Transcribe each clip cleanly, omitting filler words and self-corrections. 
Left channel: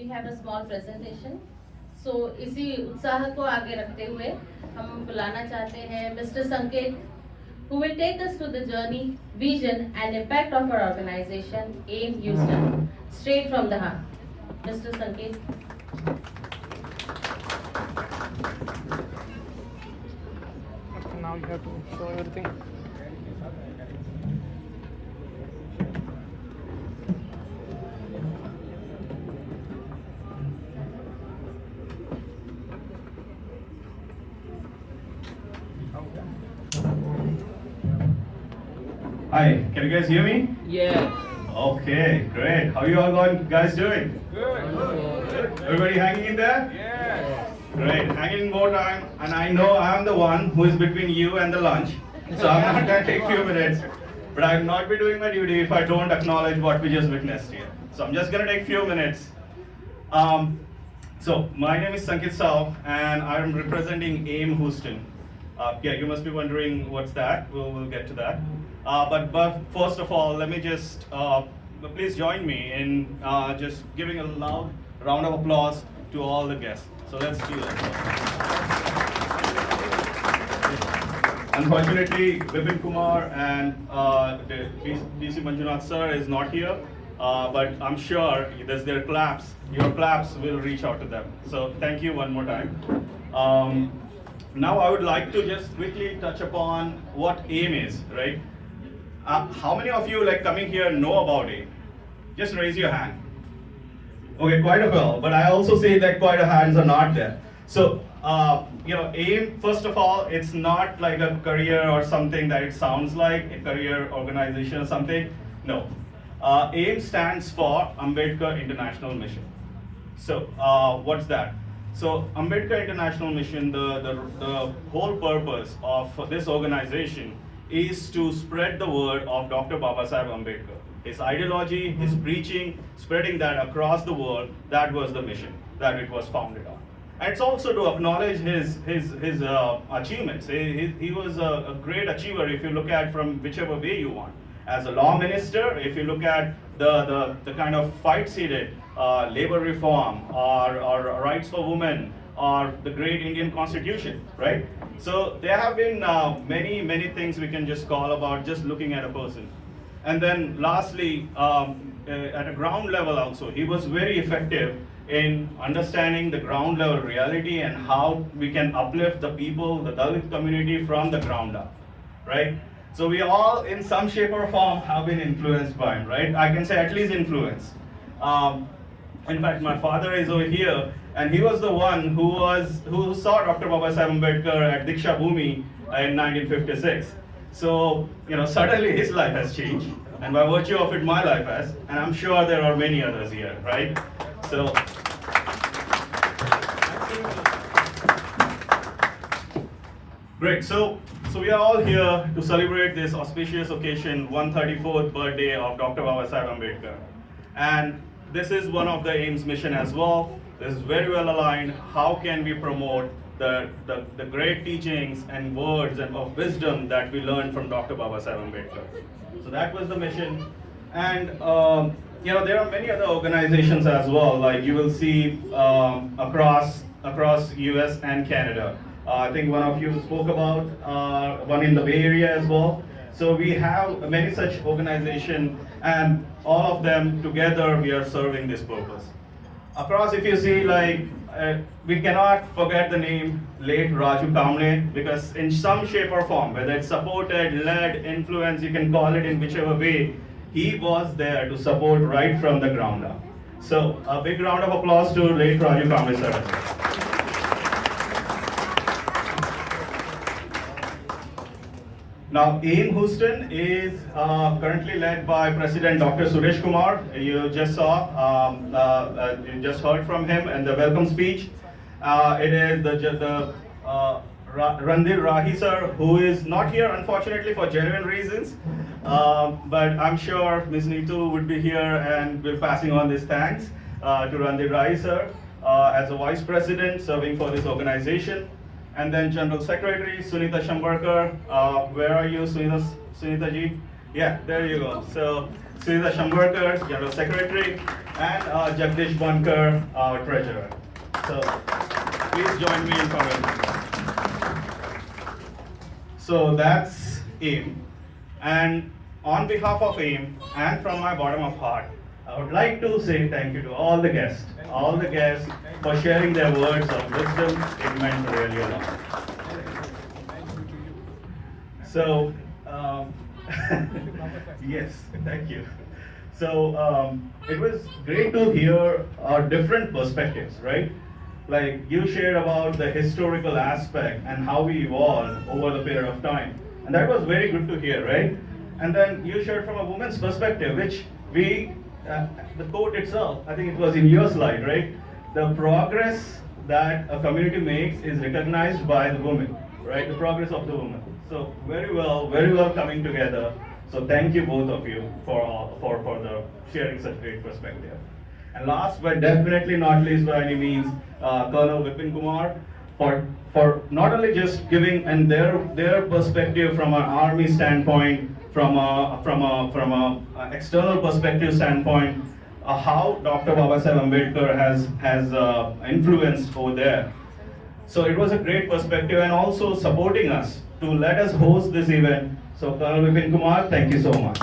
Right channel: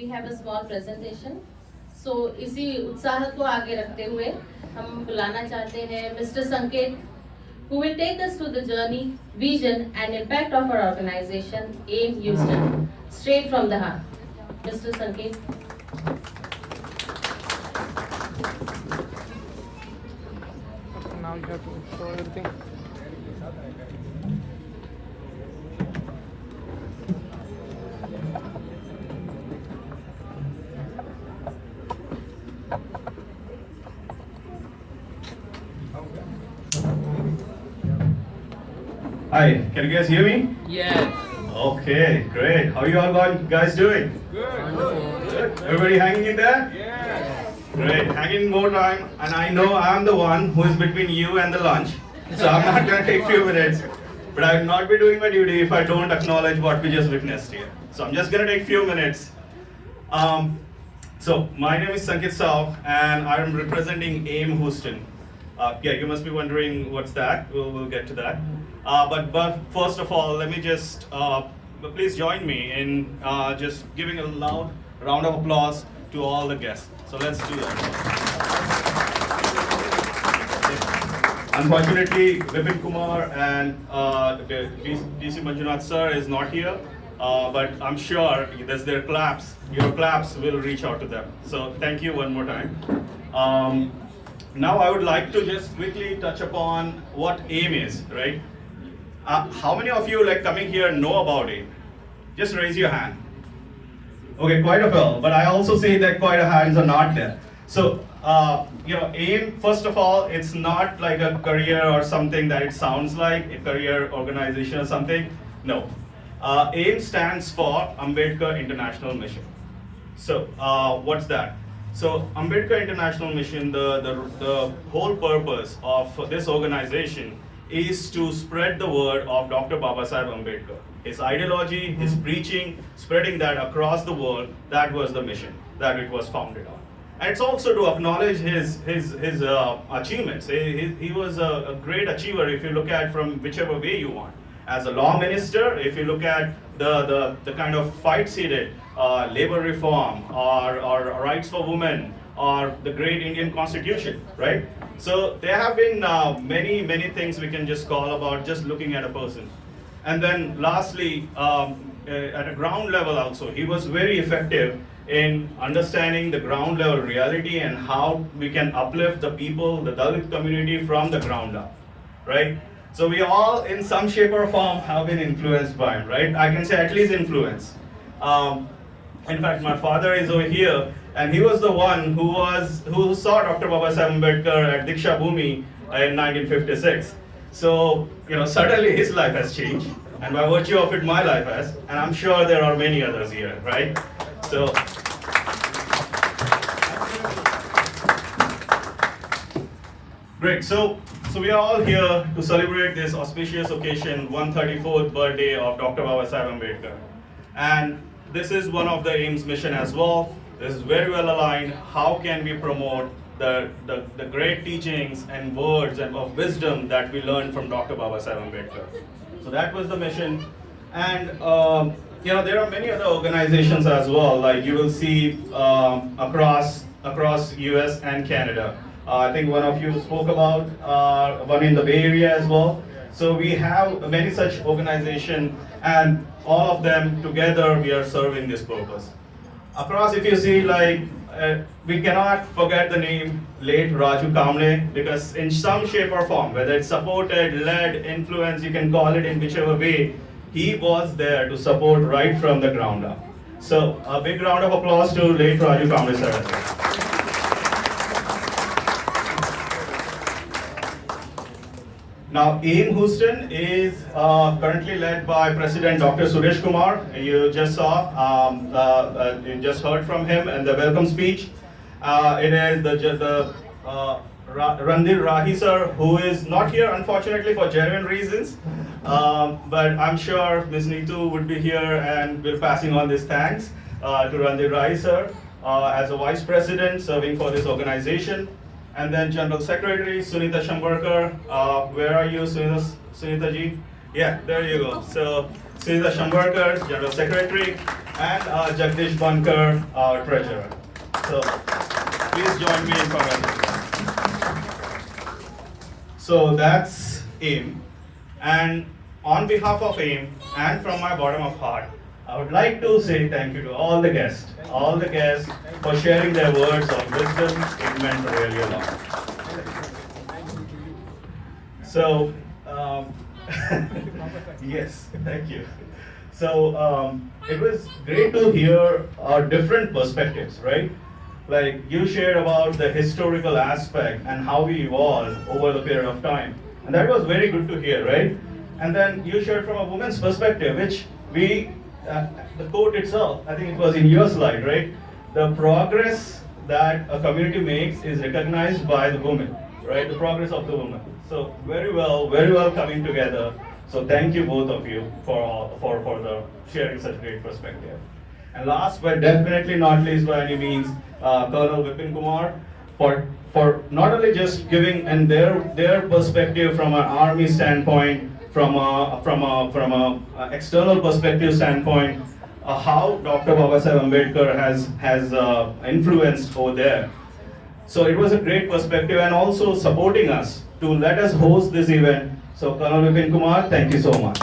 we have a small presentation. So इसी उत्साह को आगे रखते हुए हम बुलाना चाहते हैं Mr. Sanket, who will take us through the journey, vision, and impact of our organization, AIM Houston, straight from the heart. Mr. Sanket. Now you have to show everything. Hi, can you guys hear me? Yes. Okay, great. How you all guys doing? Good. Everybody hanging in there? Yes. Great, hanging in more time. And I know I'm the one who is between you and the lunch. So I'm not going to take few minutes. But I'll not be doing my duty if I don't acknowledge what we just witnessed here. So I'm just going to take few minutes. So my name is Sanket Saab and I'm representing AIM Houston. Yeah, you must be wondering what's that. We'll get to that. But first of all, let me just please join me in just giving a loud round of applause to all the guests. So let's do that. Unfortunately, Vipin Kumar and DC Manjunath sir is not here, but I'm sure there's their claps. Your claps will reach out to them. So thank you one more time. Now I would like to just quickly touch upon what AIM is, right? How many of you like coming here know about AIM? Just raise your hand. Okay, quite a few, but I also say that quite a hands are not there. So, AIM, first of all, it's not like a career or something that it sounds like, a career organization or something. No. AIM stands for Ambedkar International Mission. So, what's that? So Ambedkar International Mission, the whole purpose of this organization is to spread the word of Dr. Babasaheb Ambedkar. His ideology, his preaching, spreading that across the world, that was the mission that it was founded on. And it's also to acknowledge his achievements. He was a great achiever if you look at from whichever way you want. As a law minister, if you look at the kind of fights he did, labor reform or rights for women or the great Indian Constitution, right? So there have been many things we can just call about just looking at a person. And then lastly, at a ground level also, he was very effective in understanding the ground level reality and how we can uplift the people, the Dalit community from the ground up, right? So we all, in some shape or form, have been influenced by him, right? I can say at least influenced. In fact, my father is over here, and he was the one who saw Dr. Babasaheb Ambedkar at Diksha Bhumi in 1956. So, suddenly his life has changed, and by virtue of it, my life has, and I'm sure there are many others here, right? So. Great. So we are all here to celebrate this auspicious occasion, 134th birthday of Dr. Babasaheb Ambedkar. And this is one of the AIM's mission as well. This is very well aligned. How can we promote the great teachings and words and of wisdom that we learned from Dr. Babasaheb Ambedkar? So that was the mission. And there are many other organizations as well, like you will see across US and Canada. I think one of you spoke about one in the Bay Area as well. So we have many such organizations, and all of them together we are serving this purpose. Across, if you see, we cannot forget the name late Raju Kamble, because in some shape or form, whether it's supported, led, influenced, you can call it in whichever way, he was there to support right from the ground up. So a big round of applause to late Raju Kamble sir. Now, AIM Houston is currently led by President Dr. Suresh Kumar. You just saw, you just heard from him in the welcome speech. It is the Randir Rahi sir, who is not here unfortunately for genuine reasons, but I'm sure Ms. Neetu would be here and will passing on this thanks to Randir Rahi sir as a Vice President serving for this organization. And then General Secretary Sunita Shambarkar. Where are you, Sunita ji? Yeah, there you go. So Sridhar Shambarkar, General Secretary, and Jagdish Bankar, our Treasurer. So please join me in congratulating. So that's AIM. And on behalf of AIM and from my bottom of heart, I would like to say thank you to all the guests for sharing their words of wisdom. It meant really a lot. So, yes, thank you. So, it was great to hear our different perspectives, right? Like you shared about the historical aspect and how we evolved over the period of time. And that was very good to hear, right? And then you shared from a woman's perspective, which the quote itself, I think it was in your slide, right? The progress that a community makes is recognized by the woman, right? The progress of the woman. So very well coming together. So thank you both of you for the sharing such great perspective. And last but definitely not least by any means, Colonel Vipin Kumar for not only just giving and their perspective from an army standpoint, from a external perspective standpoint, how Dr. Babasaheb Ambedkar has influenced over there. So it was a great perspective and also supporting us to let us host this event. So Colonel Vipin Kumar, thank you so much.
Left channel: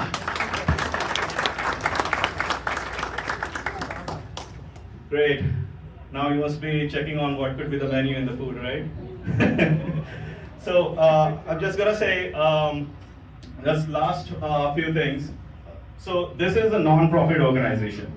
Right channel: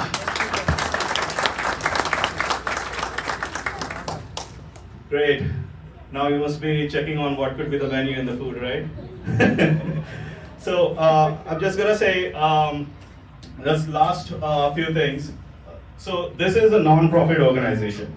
Great. Now you must be checking on what could be the menu in the food, right? So I'm just gonna say this last few things. So this is a non-profit organization.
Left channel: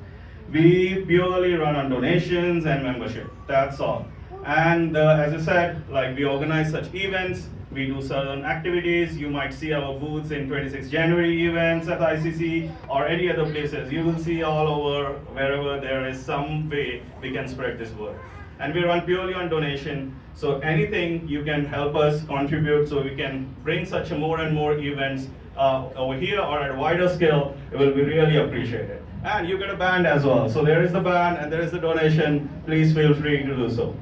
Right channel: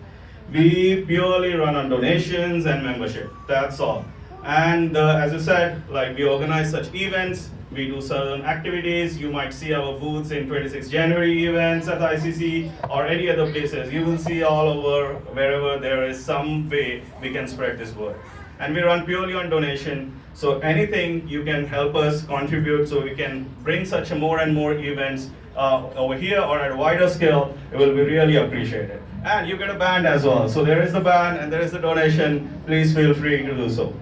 We purely run on donations and membership. That's all. And as I said, like we organize such events, we do certain activities. You might see our booths in 26 January events at ICC or any other places. You will see all over wherever there is some way we can spread this word. And we run purely on donation. So anything you can help us contribute so we can bring such more and more events over here or at a wider scale, it will be really appreciated. And you get a band as well. So there is the band and there is the donation. Please feel free to do so.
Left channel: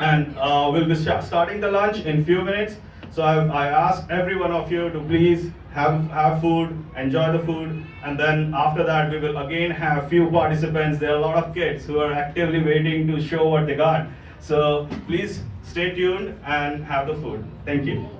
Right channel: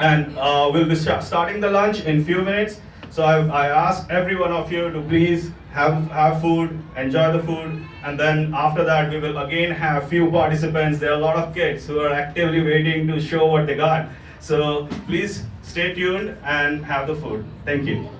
And we'll be starting the lunch in few minutes. So I ask every one of you to please have food, enjoy the food, and then after that we will again have few participants. There are a lot of kids who are actively waiting to show what they got. So please stay tuned and have the food. Thank you.